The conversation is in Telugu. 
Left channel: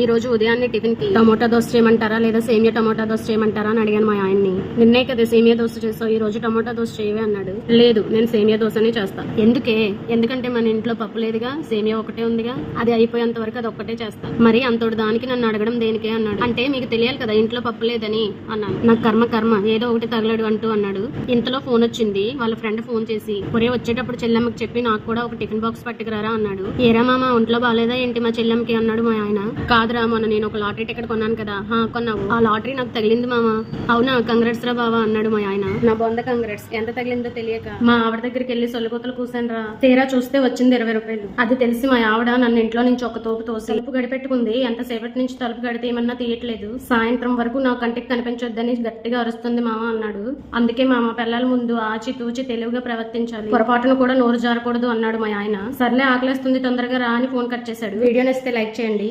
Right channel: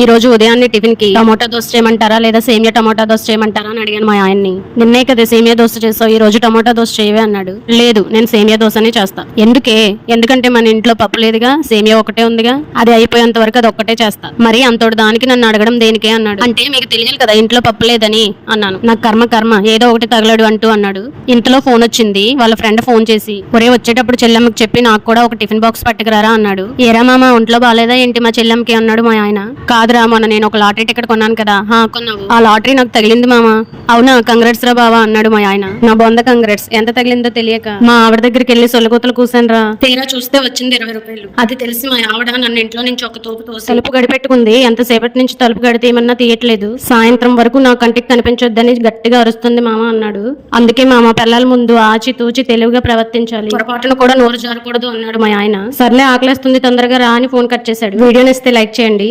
ఈ రోజు ఉదయాన్నే టిఫిన్ కి టమోటా దోశ చేయమంటారా లేదా సేమియా టమోటా దోశ చేయమంటారా అని అడిగాను మా ఆయన్ని. నిన్నే కదా సేమియా దోశ చేసావు, ఈ రోజు టమోటా దోశ చేయవే అన్నాడు. లేదు, నేను సేమియా దోశనే చేస్తా. ఎందుకంటే మన ఇంట్లో పప్పు లేదుగా, సేమియా ఒకటే ఉందిగా, అది అయిపోయేంత వరకు అది ఒక్కటే చేస్తా. మరి అంతటి దానికి నన్ను అడగడం దేనికే అన్నాడు. అంటే మీకు తెలియాలి కదా ఇంట్లో పప్పు లేదని అన్నాను. నాకు కర్మ ఏదో ఒకటి తగలడు అంటూ అన్నాడు. ఇంతలో ఫోన్ వచ్చింది. వాళ్ళ ఫ్రెండ్ ఫోన్ చేసి, ఒరే వచ్చేటప్పుడు చెల్లెమ్మకి చెప్పి నాకు కూడా ఒక టిఫిన్ బాక్స్ పట్టుకురారా అన్నాడు. ఏరా మామ ఒంట్లో బాలేదా ఏంటి మా చెల్లెమ్మకి అన్నాడు మా ఆయన. కాదురా, మొన్న నేను ఒక లాటరీ టికెట్ కొన్నాను కదా. కొన్నావు? ఆ లాటరీ నాకు తగిలింది మామ. అవునా, కంగ్రాట్స్ రా బావా అన్నాడు మా ఆయన. నా బొంద కంగ్రాట్స్. ఎంత తగిలిందో తెలియక మా ఆవిడ దగ్గరికి వెళ్ళి సొల్లగూతలు కూసాను రా. తీరా చూస్తే వచ్చింది 20 రూపాయలు. అది తెలిసి మా ఆవిడ నన్ను ఇంట్లో నుంచి ఒక తోపు తోసి తలుపు గడిపెట్టుకుంది. ఎంతసేపటి నుంచి తలుపు గడితే ఏమన్నా తీయట్లేదు. సాయంత్రం వరకు నా కంటికి కనిపించొద్దని గట్టిగా అరుస్తుంది మామ అన్నాడు. అందుకే మామ పిల్లల ముందు ఆచి తూచి తెలివిగా ప్రవర్తించాలి, పొరపాటును కూడా నోరు జారకూడదు అన్నాడు మా ఆయన. సర్లే ఆకలేస్తుంది తొందరగా రా అని ఫోన్ కట్ చేశాడు. వీడియోని ఇస్తే లైక్ చేయండి.